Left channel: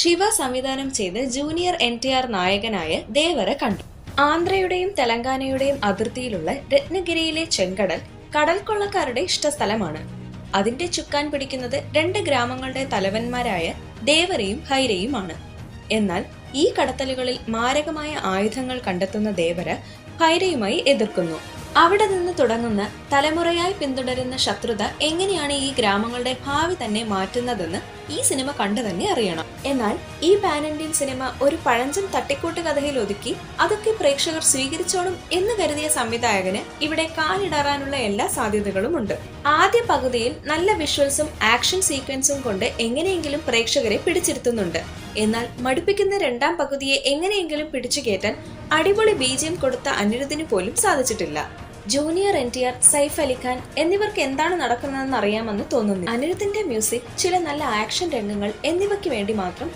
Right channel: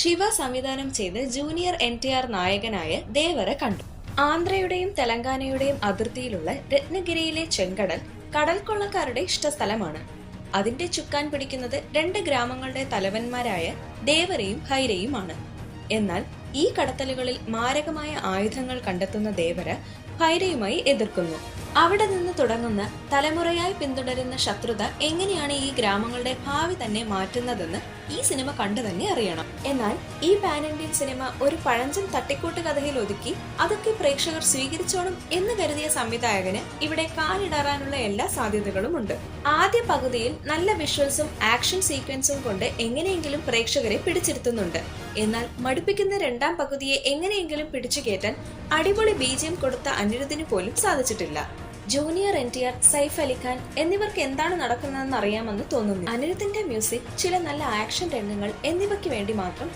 ശിവ സംവിധാനം ചെയ്ത് junior NTR നായകനായ ദേവര കണ്ടു. ആന്ധ്രയുടെയും തെലങ്കാനയുടെയും അതിർത്തിയിലുള്ള രത്നഗിരിയിലെ ചെങ്കടൽ കടൽ കൊള്ളക്കാരുടെ ഇഷ്ടസ്ഥലമാണ്. അതിന്റെ ചുക്കാൻ പിടിക്കുന്നത് രണ്ട് ഗ്രാമങ്ങളുടെ തലവന്മാരായ ദേവരയും ഹൈരയുമാണ്. എന്നാൽ ഈ കടത്തലുകളിൽ മാരകമായ ആയുധങ്ങൾ കണ്ടെത്തുന്ന ദേവര ഹൈരയുമായി എതിർക്കുന്നു. അവിടെ നിന്ന് തുടങ്ങുന്ന തലമുറയായി പിന്തുടരുന്ന ശത്രുത എങ്ങനെയാണ് ഈ ഗ്രാമങ്ങളുടെ ഭാവി തന്നെ മാറ്റുന്നതെന്ന് ഈ സിനിമ കണ്ടു തന്നെ അറിയണം. എന്നാൽ ഈ പാൻ ഇന്ത്യൻ സിനിമ ഒരു പഴഞ്ചൻ തട്ടിക്കൂട്ട് കഥയിൽ ഒതുക്കി അതൊക്കെ പ്രേക്ഷകർ സ്വീകരിച്ചോളും എന്ന് കരുതിയ സംവിധായകന് ഇവിടെ കാലിടറാനുള്ള എല്ലാ സാധ്യതകളും ഉണ്ട്. ആദ്യ പകുതിയിൽ നല്ല വിഷ്വൽസും ആക്ഷൻ സീക്വൻസും കൊണ്ട് എങ്ങനെയെങ്കിലും പ്രേക്ഷകരെ പിടിച്ചിരുത്തുന്നുണ്ട്. എന്നാൽ മടുപ്പിക്കുന്ന രണ്ടാം പകുതിയെ എങ്ങനെയെങ്കിലും പിടിച്ചു കയറ്റാൻ അടിപൊളി BGM കൊടുത്ത അനിരുദ്ധിന് പോലും സാധിച്ചിട്ടില്ല. Junior NTR, Saif Ali Khan എന്നിവർക്ക് എന്താണ് നടക്കുന്നതെന്ന് അറിയാമെന്ന് തോന്നുന്നു. അനിരുദ്ധിന്റെ മ്യൂസിക്, ചില നല്ല ആക്ഷൻ രംഗങ്ങൾ എന്നിവയ്ക്ക് വേണ്ടി മാത്രം